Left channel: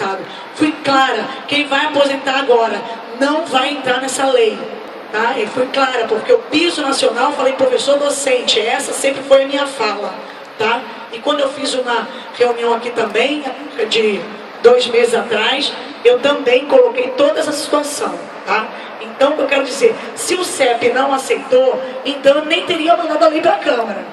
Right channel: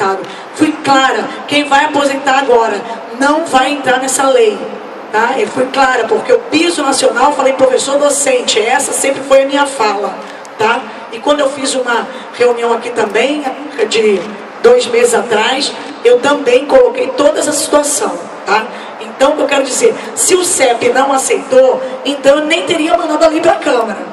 aposentado. Fui clara, quem vai aposentar agora não vai entrar nessa lei. Tá? Eu fui clara, porque o piso nacional, falei professor docente, essa sempre foi a minha fala. Tá? E quando eu fiz uma reunião aqui também, de 2 meses atrás, eu também coloquei toda essa situação. Tá? Então, o que eu quero dizer, se o CEP não aceitou, então eu nem teria mandado a lei para a Câmara.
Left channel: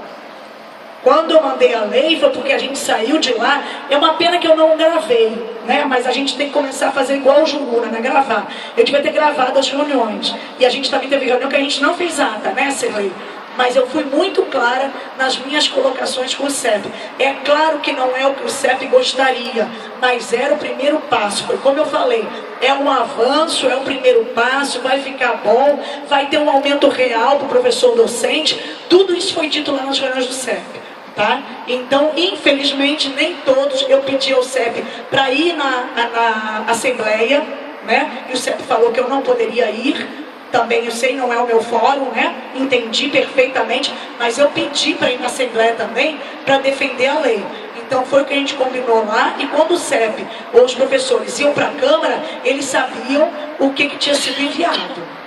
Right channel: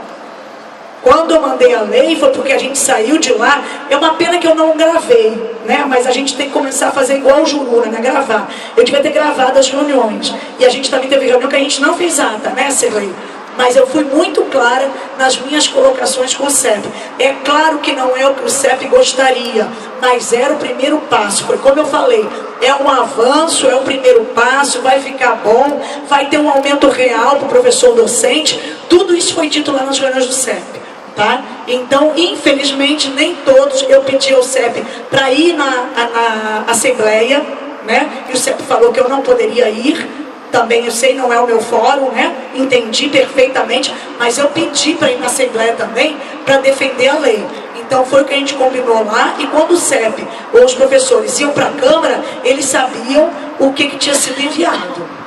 Quando eu mandei a lei, foi porque a gente saiu de lá. É uma pena que eu não gravei, né? Mas a gente tem que começar a fazer igual o Juruna, né? Gravar. Eu devia ter gravado as reuniões. E a gente também teve reunião que a gente não fez ata, né, Silvio? Mas eu fui muito clara nas minhas colocações com o CEP. É claro que não é o que o CEP gostaria, mas era o primeiro passo. Foi como eu falei, é um avanço, é o primeiro passo, vai ficar bom, vai ter um aumento real para o professor docente. Tudo isso foi dito lá nas reuniões do CEP. Tá? Então, infelizmente, nem todos, eu pedi ao CEP para ir na Assembleia, né? E o CEP falou que eu não poderia ir, também eu sei, não é o meu fórum, né? Entendi perfeitamente, mas eu pedi para ir na Assembleia também, para defender a lei. Então foi o que a gente combinou lá, e quando o CEP ou os professores iam para a Câmara, eles sabiam o que tinha sido enviado.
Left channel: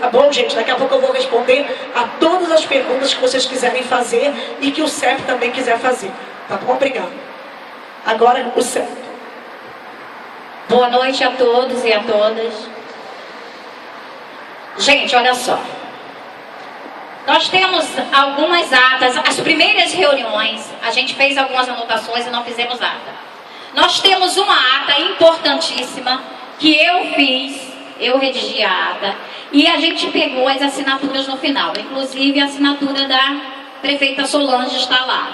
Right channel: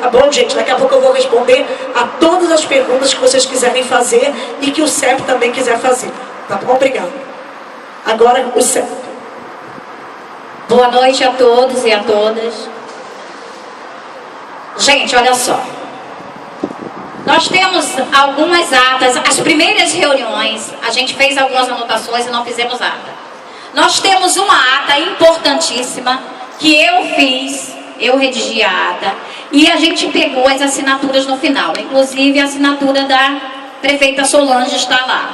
Tá bom, gente? Daqui a pouco eu vou responder a todas as perguntas que vocês quiserem fazer e que o CEP também quiser fazer. Tá bom? Obrigado. Agora, o CEP. Boa noite a todos e a todas. Gente, olha só. Nós temos algumas atas, as primeiras reuniões, a gente fez algumas anotações e não fizemos ata. Nós temos uma ata importantíssima que eu fiz, eu redigi a ata. E a gente pegou as assinaturas no final, inclusive a assinatura da prefeita Solange está lá.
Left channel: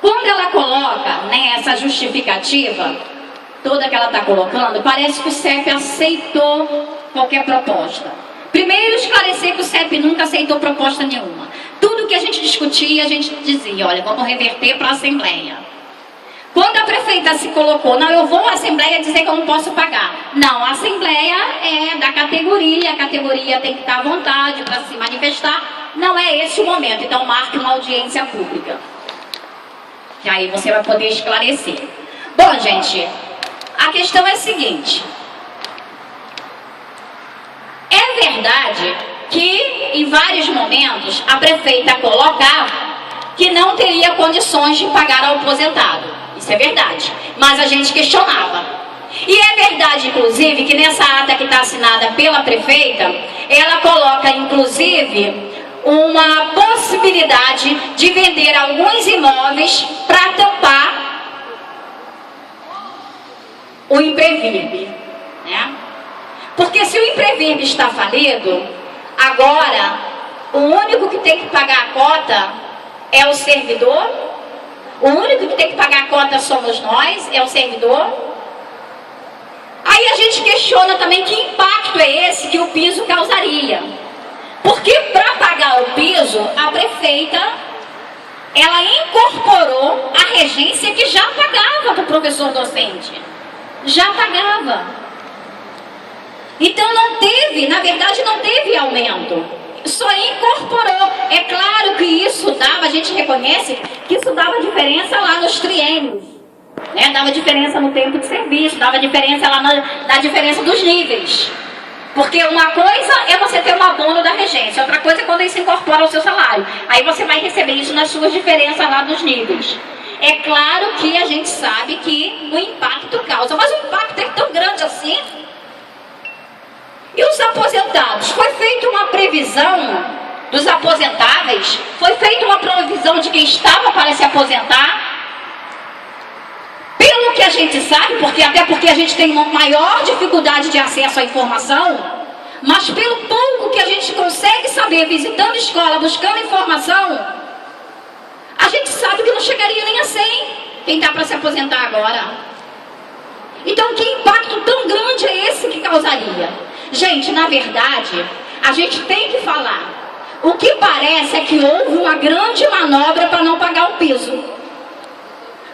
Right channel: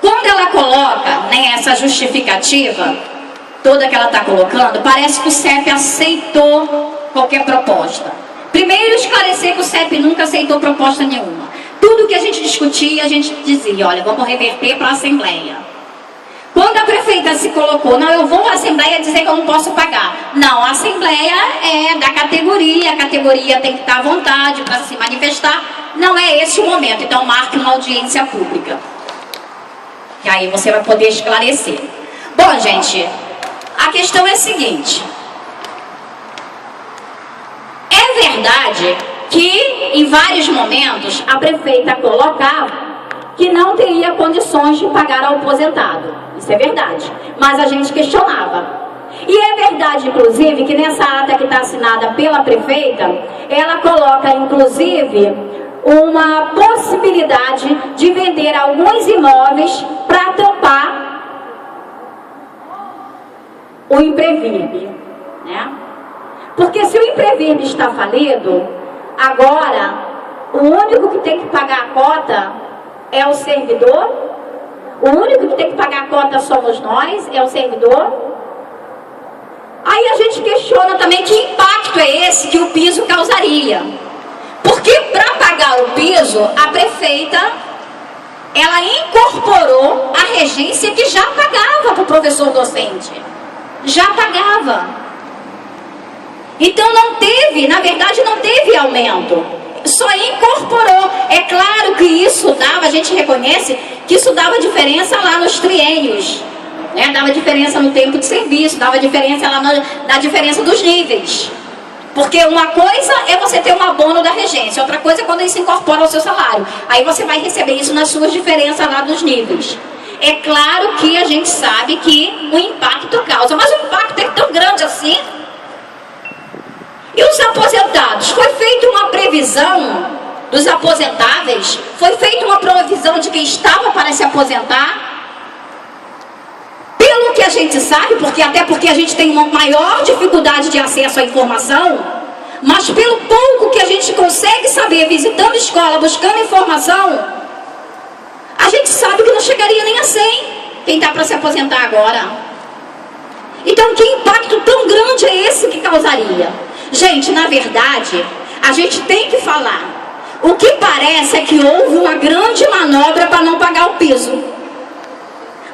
Quando ela coloca, né, essa justificativa, toda que ela está colocando, parece que o CEP aceitou qualquer proposta. Primeiro, esclarecer que o CEP nunca aceitou proposta nenhuma. Tudo que a gente discutia, a gente dizia, olha, vamos reverter para a Assembleia. Quando a prefeita se colocou, não, eu vou à Assembleia dizer que eu não posso pagar. Não, a Assembleia é da categoria, a categoria tem que estar à vontade para se manifestar. Não é esse o momento, então marque uma audiência pública. Que aí você vai poder esclarecer. Bom, gente, a questão é a seguinte. É verdade que, em vários momentos, a prefeita colocava que não teria condições de pagar ao aposentado. Isso é verdade, mas a gente questionava. E é verdade, inclusive, que nessa ata que está assinada pela prefeita, ela coloca, inclusive, uma possibilidade de vender alguns imóveis para tampar o Imprevive, né? Porque se o Imprevive está falido, agora o único que tem que pagar a cota é o servidor. O único que tem que pagar a cota somos nós, é o servidor. Aí a gente questiona também que impacto é esse que o piso causaria. Porque para pagar o piso, a prefeita, ela incorporou a regência que já pagava para o professor docente. Já pagava. Então não teve, na verdade não teve aumento. Só incorporou. É claro que isso dava, a gente reconhece que isso dava diferença lá nos triênios, né? Dava diferença no tempo de serviço, dava diferença lá na diferença dos níveis. Porque uma coisa é você ter um abono da regência, outra coisa é quando isso incorpora ao seu salário. Aí você vai receber isso nas suas diferenças lá dos níveis. É claro que a gente sabe que o impacto causa, mas o impacto é tão grande assim. E os aposentados? Foi feita uma previsão dos aposentáveis? Foi feita uma previsão de quem estava para se aposentar? Pelo que a gente sabe, até porque a gente tem uma maior dificuldade de acesso à informação, mas pelo pouco que a gente consegue saber visitando escola, buscando informação, a gente sabe que não chegaria nem a 100 quem está para se aposentar agora. Então, que impacto tão grande é esse que causaria? Gente, na verdade, a gente tem que falar. O que parece é que houve uma grande manobra para não pagar o piso.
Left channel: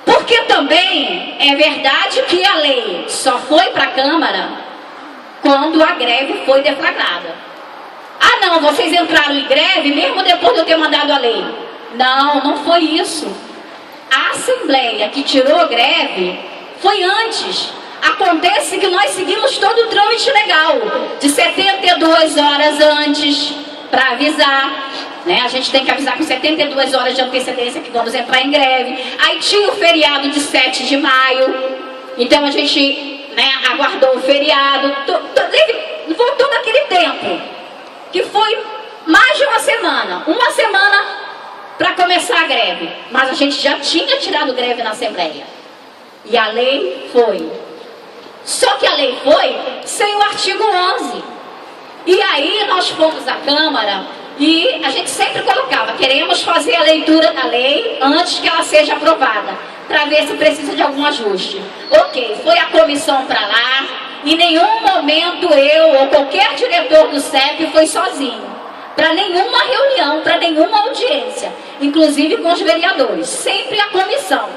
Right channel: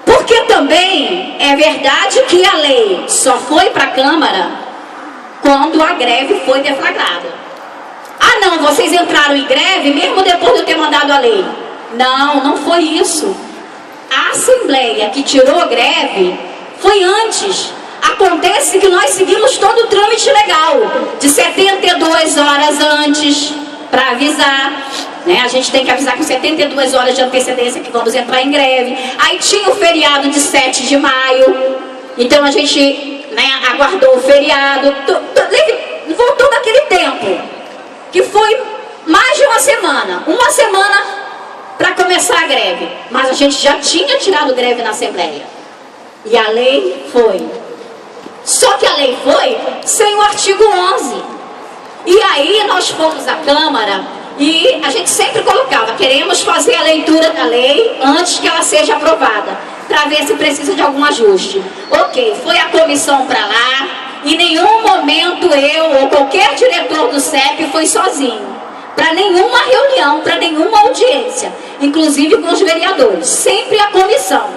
Porque também é verdade que a lei só foi para a Câmara quando a greve foi deflagrada. Ah não, vocês entraram em greve mesmo depois de eu ter mandado a lei. Não, não foi isso. A Assembleia que tirou a greve Foi antes. Acontece que nós seguimos todo o trâmite legal, de 72 horas antes, para avisar, né? A gente tem que avisar com 72 horas de antecedência que vamos entrar em greve. Aí tinha o feriado de 7 de maio, então a gente, né, aguardou o feriado, voltou naquele tempo, que foi mais de uma semana para começar a greve, mas a gente já tinha tirado greve na Assembleia, e a lei foi. Só que a lei foi sem o artigo 11. E aí nós fomos à Câmara e a gente sempre colocava, queremos fazer a leitura da lei antes que ela seja aprovada, para ver se precisa de algum ajuste. Ok, foi a comissão para lá, em nenhum momento eu ou qualquer diretor do CEP foi sozinho, para nenhuma reunião, para nenhuma audiência, inclusive com os vereadores, sempre a comissão.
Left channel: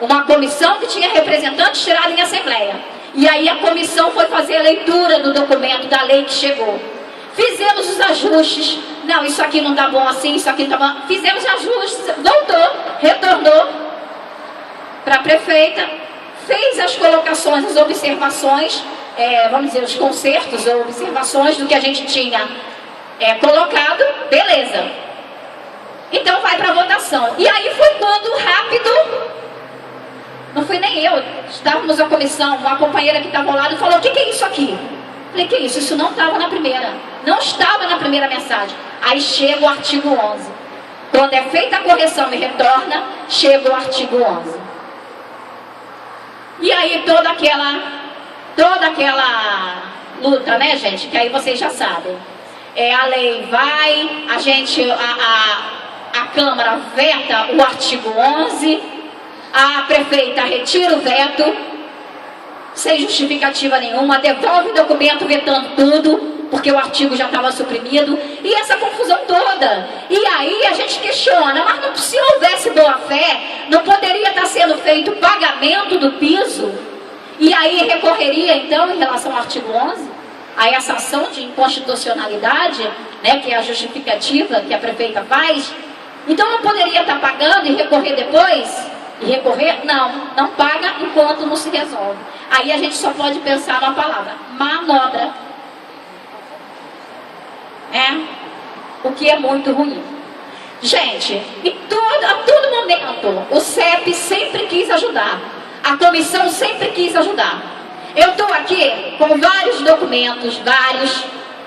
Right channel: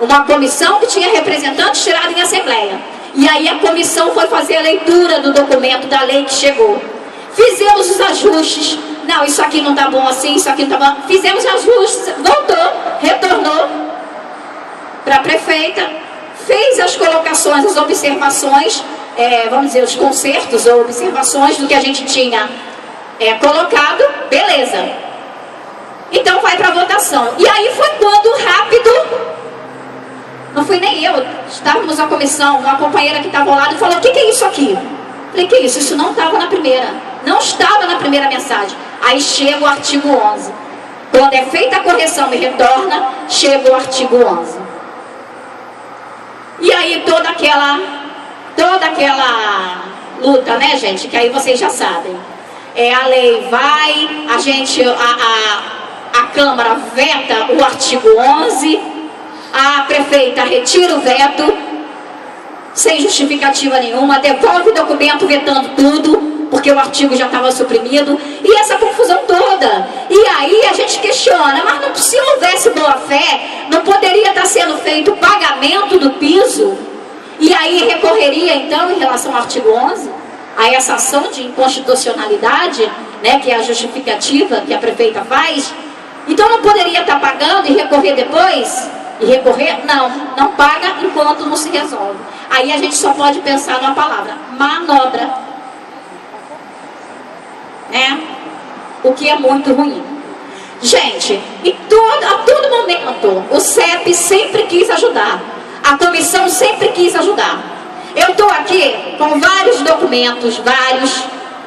Uma comissão que tinha representantes tirados em Assembleia. E aí a comissão foi fazer a leitura do documento da lei que chegou. Fizemos os ajustes. Não, isso aqui não está bom assim, isso aqui não está bom. Fizemos ajustes, voltou, retornou para a prefeita, fez as colocações, as observações, vamos dizer, os consertos ou observações do que a gente tinha colocado, beleza. Então vai para a votação. E aí foi quando rápido... Não fui nem eu, estávamos na comissão, uma companheira que estava ao lado falou, o que é isso aqui? Falei, que isso? Isso não estava na primeira, não estava na primeira mensagem. Aí chega o artigo 11. Quando é feita a correção e retorna, chega o artigo 11. E aí toda aquela luta, né, gente, que aí vocês já sabem. A lei vai, a Câmara veta o artigo 11, a prefeita retira o veto, sem justificativa nenhuma, devolve o documento vetando tudo, porque o artigo já estava suprimido, e essa confusão toda. E aí a gente questiona, mas se houvesse boa fé, não poderia estar sendo feito o pagamento do piso? E aí recorreria então, em relação ao artigo 11, a essa ação de inconstitucionalidade, né, que é a justificativa que a prefeita faz? Então não poderia estar pagando e recorrer depois? E recorrer? Não paga enquanto não se resolve. Aí a gente só pode pensar numa palavra, manobra. O que é muito ruim. Gente, a todo momento, o CEP sempre quis ajudar. A comissão sempre quis ajudar. Eu estou aqui com vários documentos,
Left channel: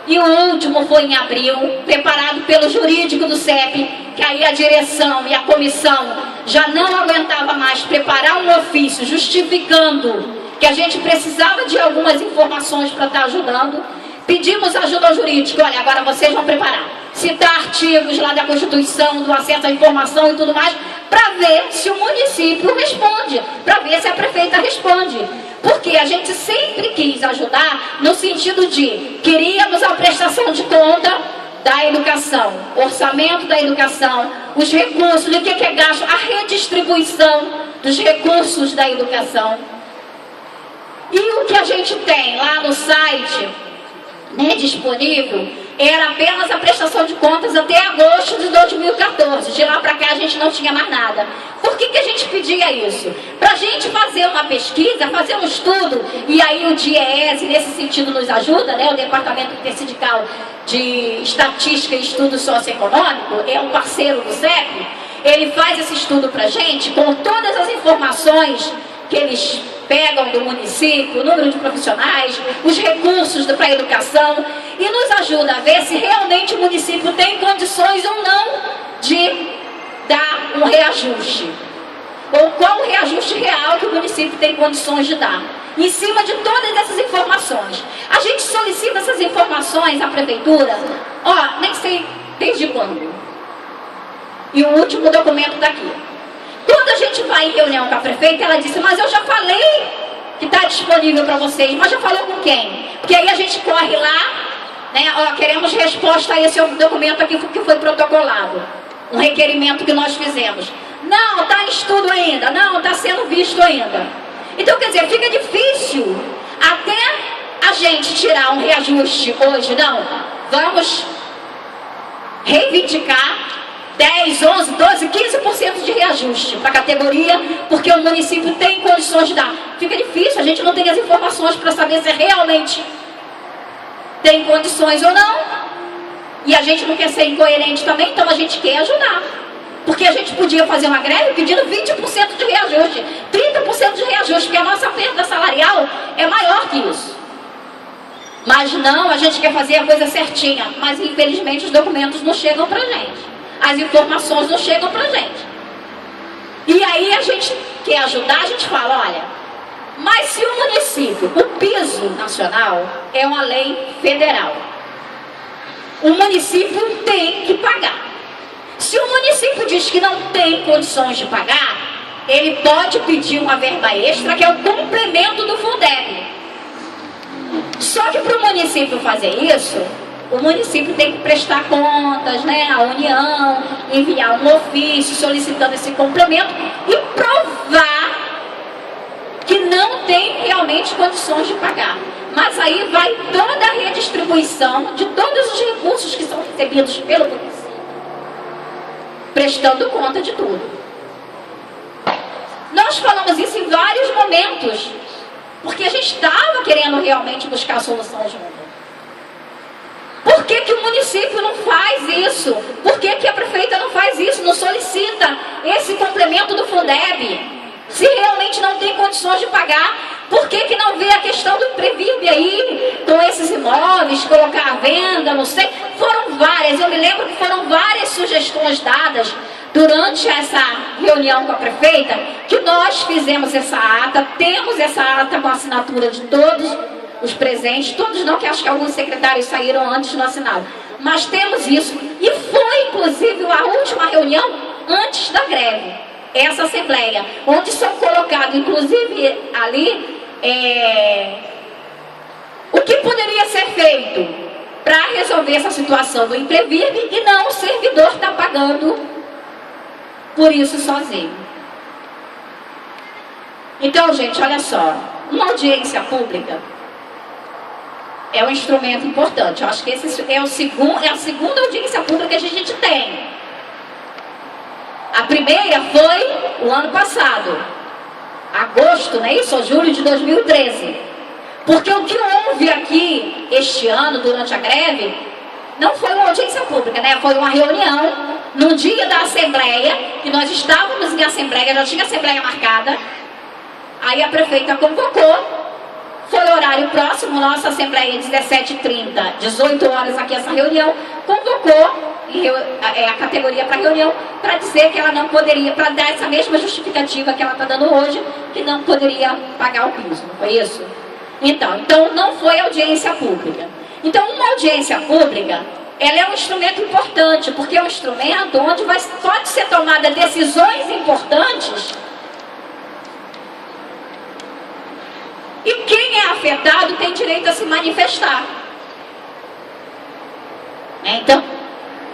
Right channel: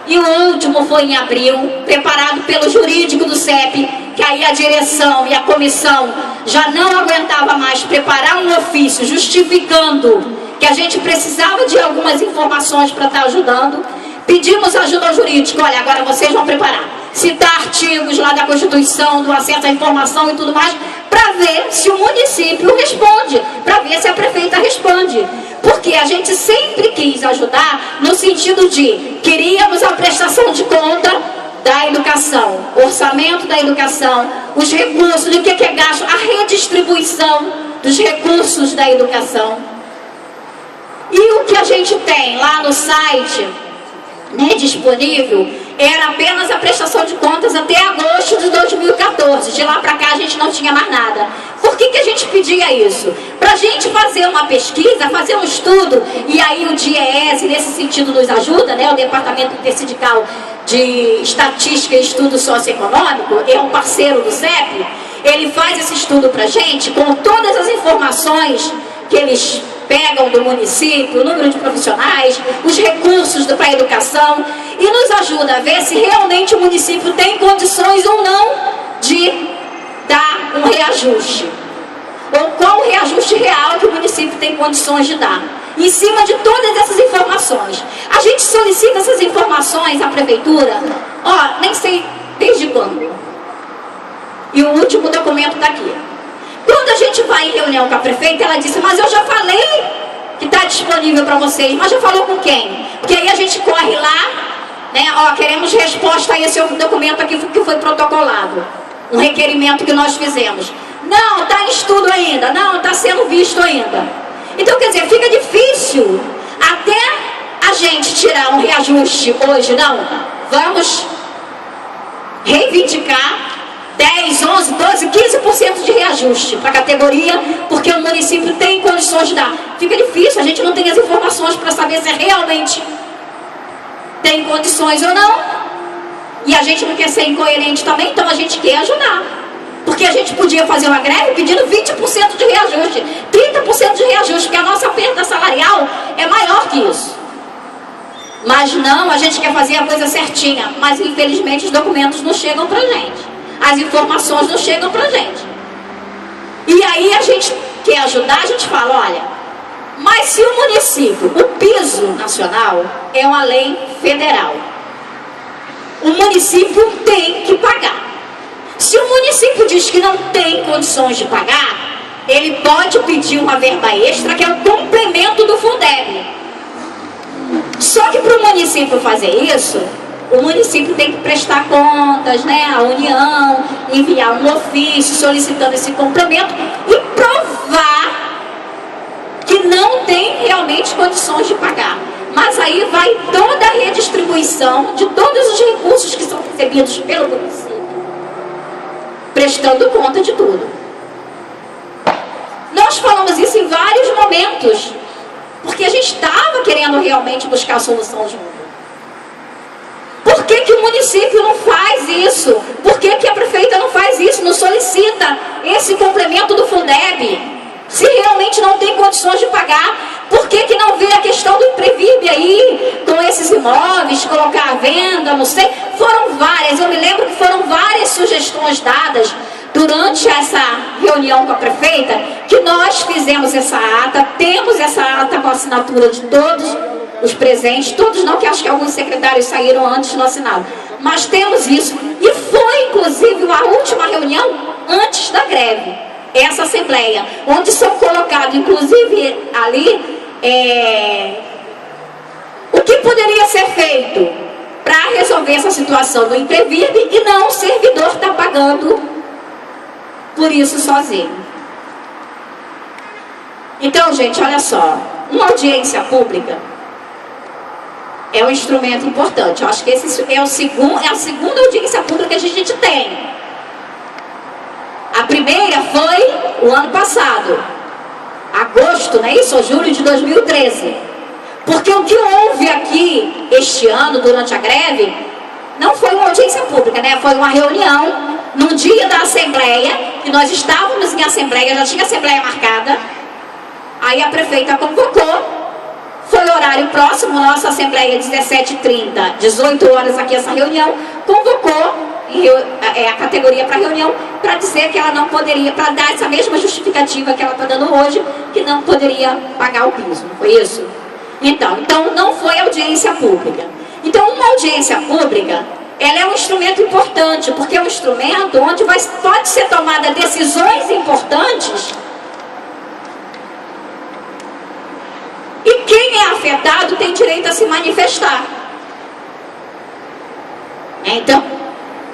e o último foi em abril, preparado pelo jurídico do CEP, que aí a direção e a comissão já não aguentava mais preparar um ofício justificando que a gente precisava de algumas informações para estar ajudando. Pedimos ajuda ao jurídico, olha, agora vocês vão preparar, citar artigos lá da Constituição, do acesso à informação e tudo mais, para ver se o município responde, para ver se a prefeita responde. Porque a gente sempre quis ajudar no sentido de, queríamos a prestação de conta da educação, orçamento da educação, os recursos, do que é gasto, a redistribuição dos recursos da educação. E o que a gente tem lá no site, né, disponível, era apenas a prestação de contas até agosto de 2014. De lá para cá a gente não tinha mais nada. Por que a gente pedia isso? Para a gente fazer uma pesquisa, fazer um estudo, e aí o DIEESE nesse sentido nos ajuda, né, o Departamento Intersindical de Estatística e Estudo Socioeconômico, é um parceiro do CEP, ele faz esse estudo para a gente, com todas as informações que eles pegam do município, o número de profissionais, os recursos para a educação, e nos ajuda a ver se realmente o município tem condições ou não de dar um reajuste, ou qual o reajuste real que o município tem condições de dar. Em cima de todas essas informações, a gente solicita essas informações à prefeitura, nem sei desde quando, e o último documento está aqui. Quando a gente vai em reunião com a prefeita, ela disse, mas eu já falei que está disponível para vocês, mas já falou com quem? Porque aí a gente corre lá, né, queremos resposta a esse documento aqui que foi protocolado, um requerimento que nós fizemos. Não, está em estudo ainda, não, está sendo visto ainda. Então, quer dizer, fica difícil até a gente tirar um reajuste hoje, não. Vamos reivindicar 10, 11, 12, 15% de reajuste para a categoria, porque o município tem condições de dar. Fica difícil, a gente não tem as informações para saber se realmente tem condições ou não. E a gente não quer ser incoerente também, então a gente quer ajudar. Porque a gente podia fazer uma greve pedindo 20% de reajuste, 30% de reajuste, porque a nossa perda salarial é maior que isso. Mas não, a gente quer fazer a coisa certinha, mas infelizmente os documentos não chegam pra gente. As informações não chegam pra gente. E aí a gente quer ajudar, a gente fala, olha, mas se o município, o piso nacional é uma lei federal, o município tem que pagar. Se o município diz que não tem condições de pagar, ele pode pedir uma verba extra, que é o complemento do Fundeb. Só que para o município fazer isso, o município tem que prestar contas, né, à União, enviar um ofício solicitando esse complemento e provar que não tem realmente condições de pagar. Mas aí vai toda a redistribuição de todos os recursos que são recebidos pelo município, prestando conta de tudo. Nós falamos isso em vários momentos, porque a gente estava querendo realmente buscar a solução junto. Por que que o município não faz isso? Por que que a prefeita não faz isso? Não solicita esse complemento do Fundeb? Se realmente não tem condições de pagar, por que que não vê a questão do Imprevibe aí, com esses imóveis, colocar à venda, não sei? Foram várias, eu me lembro que foram várias sugestões dadas durante essa reunião com a prefeita, que nós fizemos essa ata, temos essa ata com a assinatura de todos os presentes, todos não, que acho que alguns secretários saíram antes, não assinaram, mas temos isso, e foi inclusive a última reunião antes da greve, essa assembleia, onde são colocados, inclusive ali, o que poderia ser feito para resolver essa situação do Imprevibe e não o servidor está pagando por isso sozinho. Então, gente, olha só, uma audiência pública é um instrumento importante. Eu acho que esse é a segunda audiência pública que a gente tem. A primeira foi o ano passado, agosto, não é isso? Ou julho de 2013. Porque o que houve aqui este ano, durante a greve, não foi uma audiência pública, né? Foi uma reunião no dia da assembleia, que nós estávamos em assembleia, já tinha assembleia marcada. Aí a prefeita convocou, foi horário próximo, nossa assembleia 17h30, 18 horas aqui essa reunião, convocou a categoria para reunião para dizer que ela não poderia, para dar essa mesma justificativa que ela está dando hoje, que não poderia pagar o piso, não foi isso? Então não foi audiência pública. Então uma audiência pública, ela é um instrumento importante, porque é um instrumento onde pode ser tomada decisões importantes e quem é afetado tem direito a se manifestar. Então,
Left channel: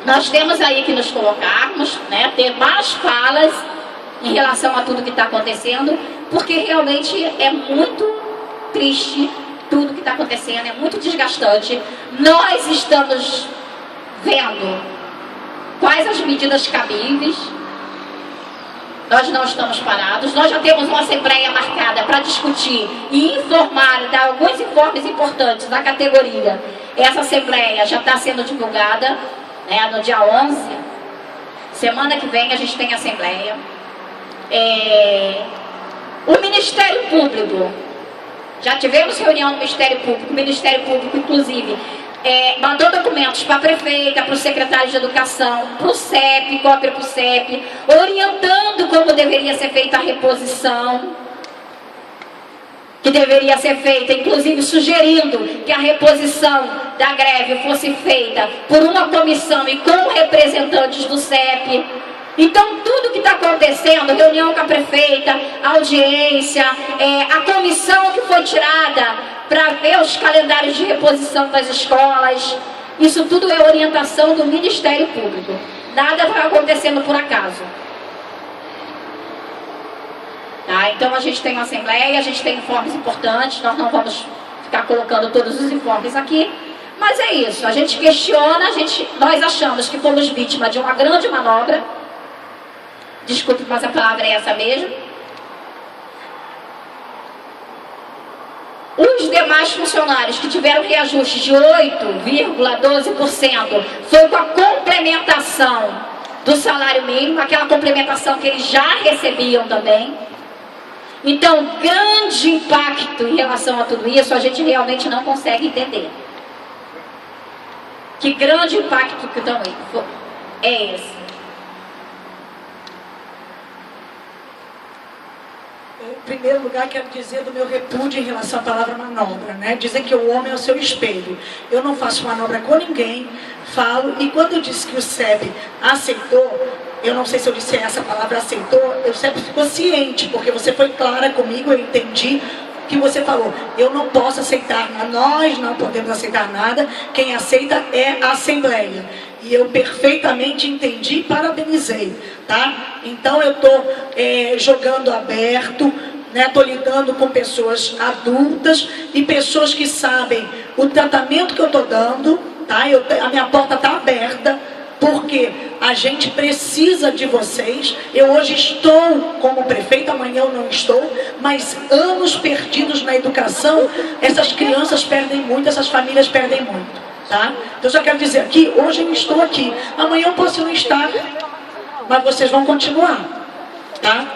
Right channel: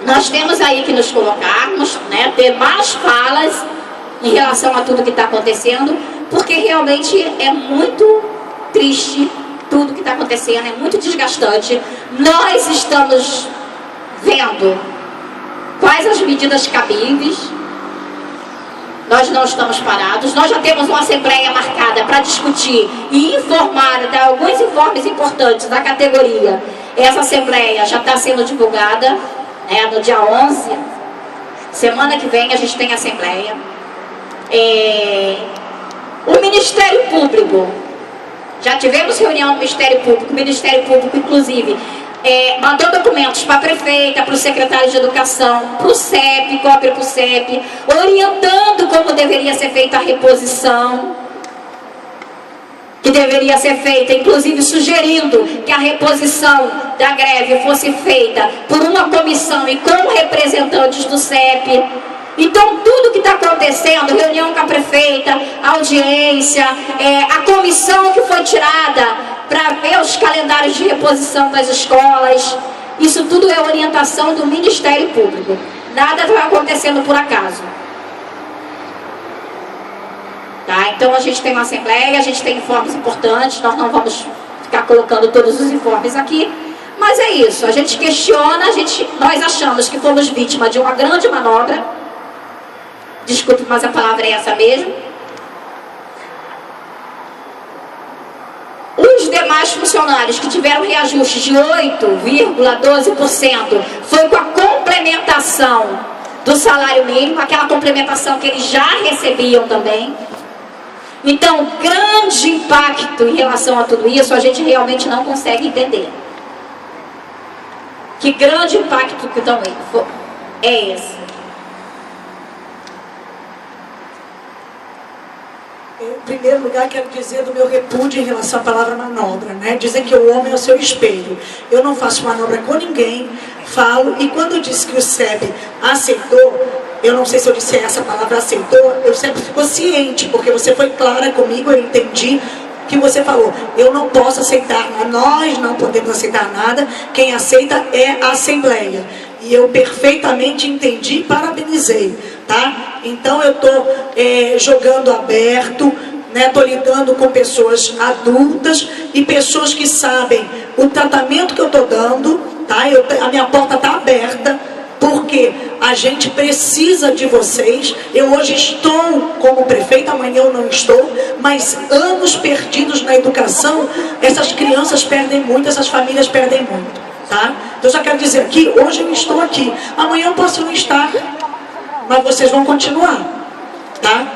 nós temos aí que nos colocarmos, né, ter mais falas em relação a tudo que está acontecendo, porque realmente é muito triste tudo que está acontecendo, é muito desgastante. Nós estamos vendo quais as medidas cabíveis, nós não estamos parados, nós já temos uma assembleia marcada para discutir e informar, dar alguns informes importantes da categoria. Essa assembleia já está sendo divulgada, né, no dia 11, semana que vem a gente tem assembleia. O Ministério Público, já tivemos reunião no Ministério Público, o Ministério Público inclusive mandou documentos para a prefeita, para o secretário de Educação, para o CEP, cópia para o CEP, orientando como deveria ser feita a reposição, que deveria ser feita, inclusive sugerindo que a reposição da greve fosse feita por uma comissão e com representantes do CEP. Então, tudo que está acontecendo, reunião com a prefeita, audiência, a comissão que foi tirada para ver os calendários de reposição das escolas, isso tudo é orientação do Ministério Público. Nada está acontecendo por acaso. Tá? Então, a gente tem uma assembleia, a gente tem informes importantes, nós não vamos ficar colocando todos os informes aqui, Mas é isso, a gente questiona, nós achamos que fomos vítima de uma grande manobra. Desculpe, mas a palavra é essa mesmo. Os demais funcionários que tiveram reajuste de 8,12% foi com a complementação do salário mínimo, aquela complementação que eles já recebiam também. Então, grande impacto em relação a tudo isso, a gente realmente não consegue entender. Que grande impacto que é esse? Em primeiro lugar, quero dizer do meu repúdio em relação à palavra manobra, né? Dizem que o homem é o seu espelho. Eu não faço manobra com ninguém, falo, e quando eu disse que o SEB aceitou, eu não sei se eu disse essa palavra aceitou, eu sempre fico ciente, porque você foi clara comigo, eu entendi que você falou, eu não posso aceitar, nós não podemos aceitar nada, quem aceita é a Assembleia. E eu perfeitamente entendi e parabenizei, tá? Então eu estou jogando aberto, né? Estou lidando com pessoas adultas e pessoas que sabem o tratamento que eu estou dando, tá? A minha porta está aberta, porque a gente precisa de vocês. Eu hoje estou como prefeita, amanhã eu não estou, mas anos perdidos na educação, essas crianças perdem muito, essas famílias perdem muito. Tá? Então eu só quero dizer aqui, hoje eu estou aqui, amanhã eu posso não estar, mas vocês vão continuar, tá?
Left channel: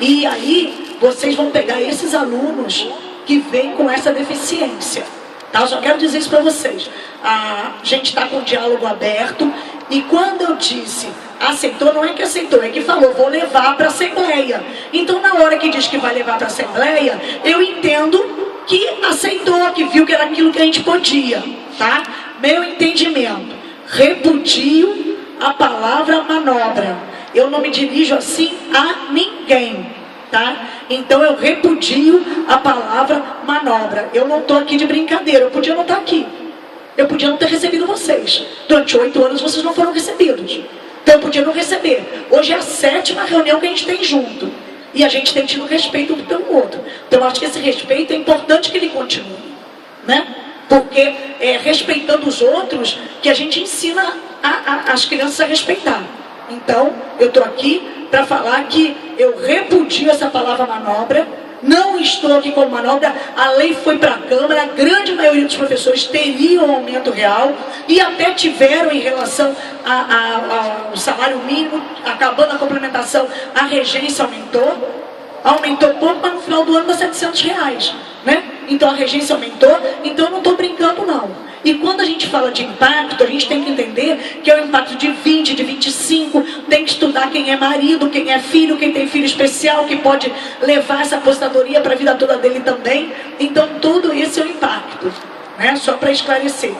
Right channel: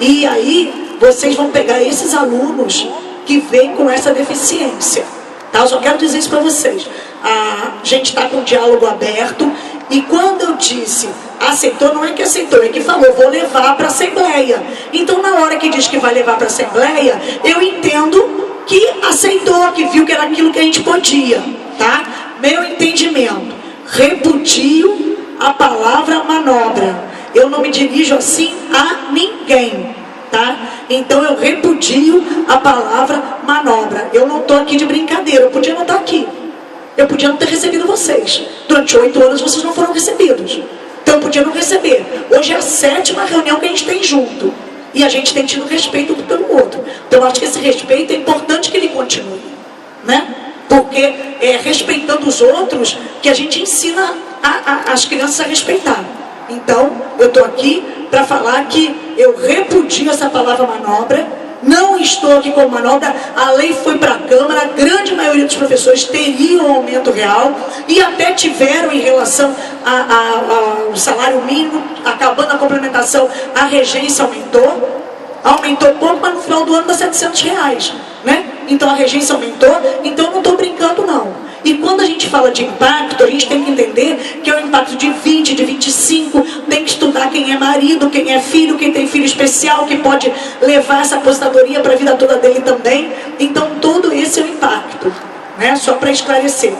E aí vocês vão pegar esses alunos que vêm com essa deficiência, tá? Eu só quero dizer isso para vocês. A gente está com um diálogo aberto, e quando eu disse aceitou, não é que aceitou, é que falou, vou levar para a Assembleia. Então na hora que diz que vai levar para a Assembleia, eu entendo que aceitou, que viu que era aquilo que a gente podia, tá? Meu entendimento, repudio a palavra manobra. Eu não me dirijo assim a ninguém, tá? Então eu repudio a palavra manobra. Eu não estou aqui de brincadeira, eu podia não estar aqui. Eu podia não ter recebido vocês. Durante 8 anos vocês não foram recebidos. Então eu podia não receber. Hoje é a 7ª reunião que a gente tem junto. E a gente tem tido respeito um pelo outro. Então eu acho que esse respeito é importante que ele continue, né? Porque é respeitando os outros que a gente ensina as crianças a respeitar. Então, eu estou aqui para falar que eu repudio essa palavra manobra, não estou aqui com manobra, a lei foi para a Câmara, a grande maioria dos professores teriam um aumento real, e até tiveram em relação ao salário mínimo, acabando a complementação, a regência aumentou pouco, mas no final do ano dá R$700, né? Então a regência aumentou, então eu não estou brincando não. E quando a gente fala de impacto, a gente tem que entender que é um impacto de 20, de 25, tem que estudar quem é marido, quem é filho, quem tem filho especial, que pode levar essa aposentadoria para a vida toda dele também. Então todo esse é o impacto, né? Só para esclarecer.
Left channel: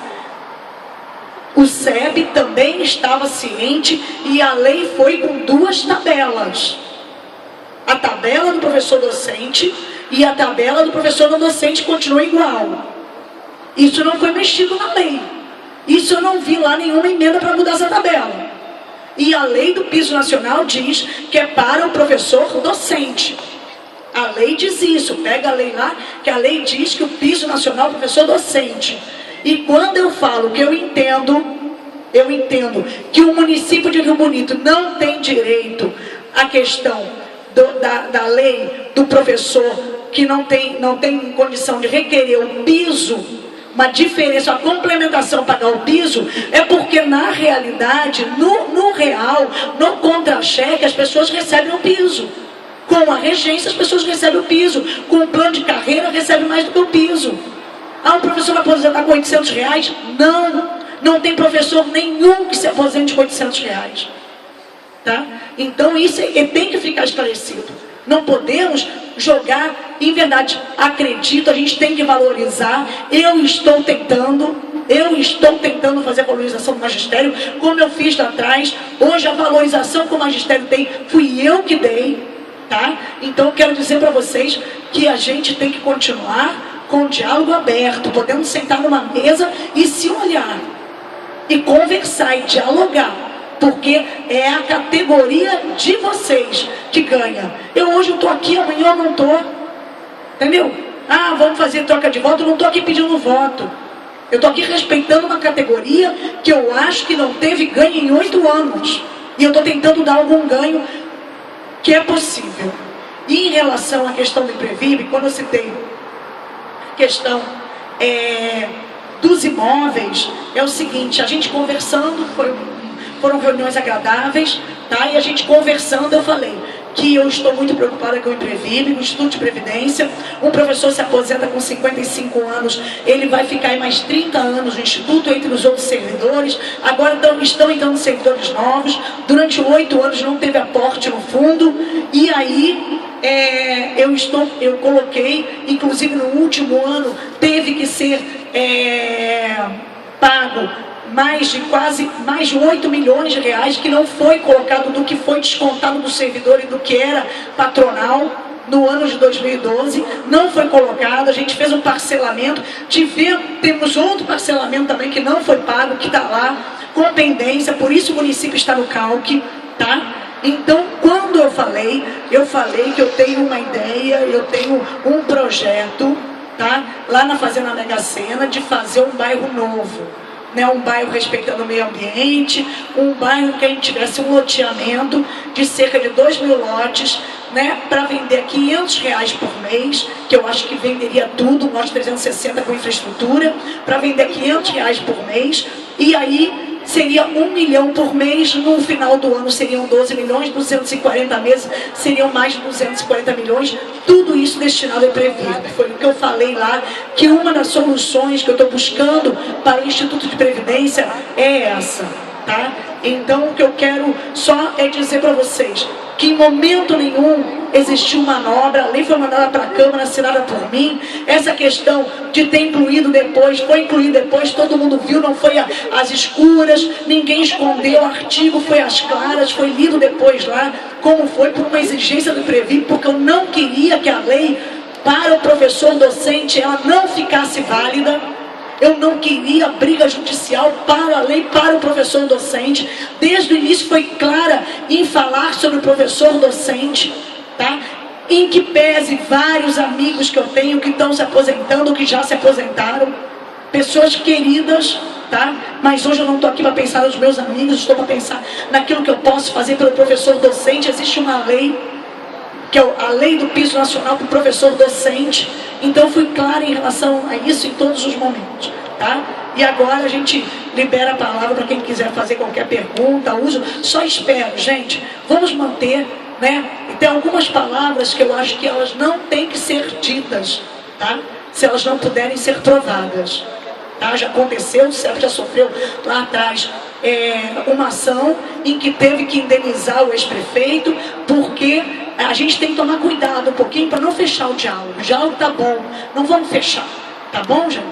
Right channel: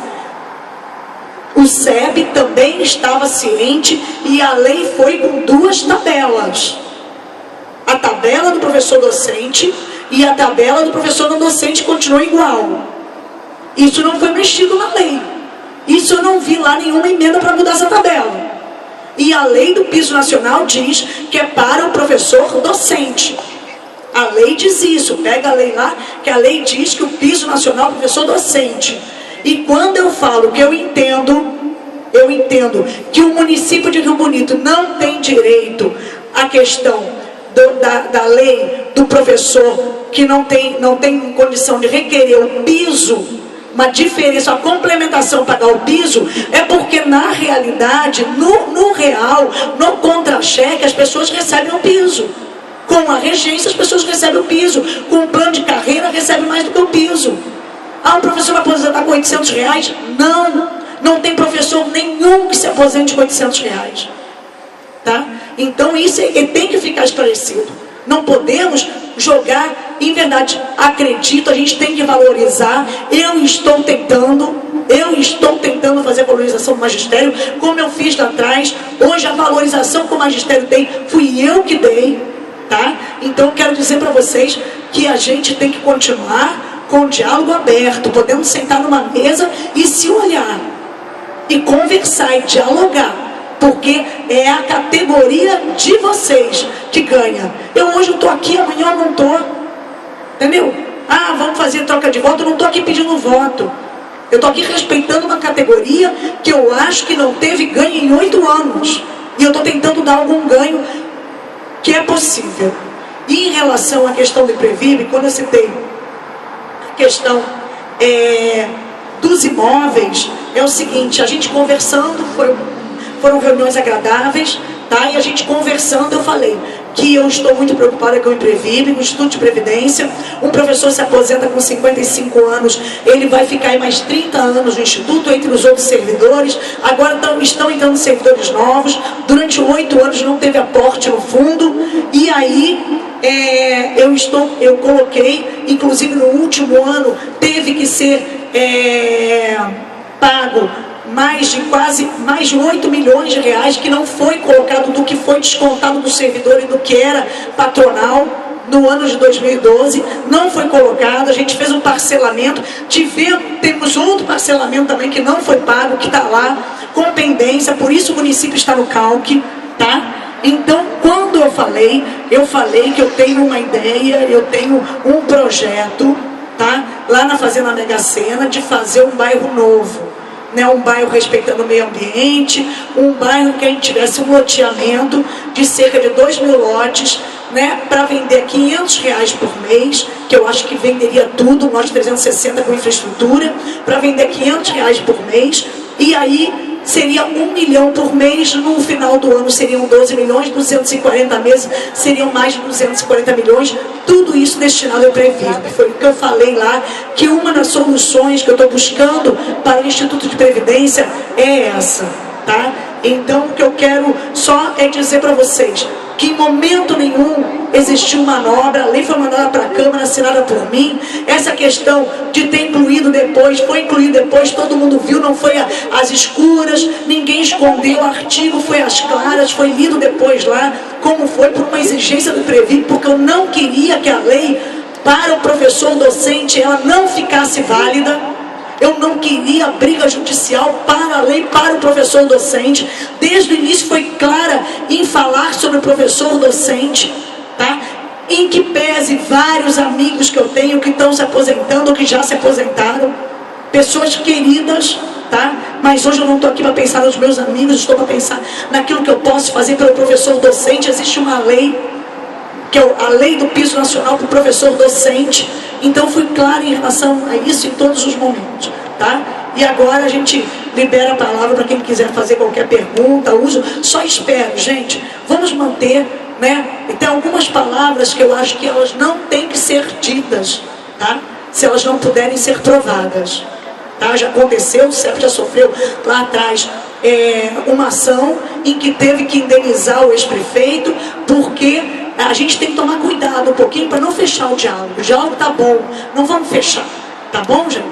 O SEB também estava ciente e a lei foi com 2 tabelas. A tabela do professor docente e a tabela do professor não docente continuou igual. Isso não foi mexido na lei. Isso eu não vi lá nenhuma emenda para mudar essa tabela. E a lei do piso nacional diz que é para o professor docente. A lei diz isso. Pega a lei lá, que a lei diz que o piso nacional é o professor docente. E quando eu falo que eu entendo que o município de Rio Bonito não tem direito à questão da lei do professor que não tem condição de requerer o piso, uma diferença, uma complementação para pagar o piso, é porque na realidade, no real, no contra-cheque, as pessoas recebem o piso. Com a regência, as pessoas recebem o piso. Com o plano de carreira, recebem mais do que o piso. Ah, o professor vai aposentar com R$800? Não tem professor nenhum que se aposente com R$800. Tá? Então isso tem que ficar esclarecido. Não podemos jogar, em verdade, acredito, a gente tem que valorizar. Eu estou tentando fazer a valorização do magistério, como eu fiz lá atrás. Hoje a valorização que o magistério tem, fui eu que dei, tá? Então eu quero dizer para vocês que a gente tem que continuar com o diálogo aberto, podemos sentar numa mesa e se olhar, e conversar e dialogar. Porque é a categoria de vocês que ganha. Eu hoje estou aqui, amanhã eu não estou. Entendeu? Ah, vamos fazer troca de voto. Eu não estou aqui pedindo voto. Eu estou aqui respeitando uma categoria que eu acho que não teve ganho em 8 anos. E eu estou tentando dar algum ganho que é possível. E em relação à questão do Previb, quando eu citei a questão dos imóveis, é o seguinte, a gente conversando, foram reuniões agradáveis, tá? E a gente conversando, eu falei que eu estou muito preocupada com o Previb, o Instituto de Previdência. Um professor se aposenta com 55 anos, ele vai ficar aí mais 30 anos no Instituto, entre os outros servidores. Agora estão entrando servidores novos. Durante 8 anos não teve aporte no fundo. E aí eu coloquei, inclusive no último ano, teve que ser pago mais de 8 milhões de reais que não foi colocado, do que foi descontado do servidor e do que era patronal no ano de 2012, não foi colocado. A gente fez um parcelamento, temos outro parcelamento também que não foi pago, que está lá com pendência, por isso o município está no calque, tá? Então, quando eu falei que eu tenho uma ideia, eu tenho um projeto, tá? Lá na Fazenda Mega Sena, de fazer um bairro novo. Né, um bairro respeitando o meio ambiente, um bairro que a gente tivesse um loteamento de cerca de 2.000 lotes, né, para vender R$500 por mês, que eu acho que venderia tudo, um lote 360 com infraestrutura, para vender R$500 por mês, e aí seria 1 milhão por mês, no final do ano seriam 12 milhões, 240 meses seriam mais de 240 milhões, tudo isso destinado ao Previb. Foi o que eu falei lá, que uma das soluções que eu estou buscando para o Instituto de Previdência é essa, tá? Então, o que eu quero só é dizer para vocês que em momento nenhum existiu manobra, a lei foi mandada para a Câmara, assinada por mim. Essa questão de ter incluído depois, foi incluído depois, todo mundo viu, não foi às escuras, ninguém escondeu, o artigo foi às claras, foi lido depois lá, como foi por uma exigência do Previb, porque eu não queria que a lei para o professor docente ela não ficasse válida. Eu não queria briga judicial para a lei, para o professor docente. Desde o início foi clara em falar sobre o professor docente, tá? Em que pese vários amigos que eu tenho que estão se aposentando ou que já se aposentaram, pessoas queridas, tá? Mas hoje eu não estou aqui para pensar nos meus amigos, estou para pensar naquilo que eu posso fazer pelo professor docente. Existe uma lei, que é a lei do piso nacional para o professor docente. Então fui clara em relação a isso em todos os momentos, tá? E agora a gente libera a palavra para quem quiser fazer qualquer pergunta, uso. Só espero, gente, vamos manter, né? E tem algumas palavras que eu acho que elas não têm que ser ditas, tá? Se elas não puderem ser provadas, tá? Já aconteceu, o CEP já sofreu lá atrás uma ação em que teve que indenizar o ex-prefeito, porque a gente tem que tomar cuidado um pouquinho para não fechar o diálogo. O diálogo tá bom, não vamos fechar, tá bom, gente?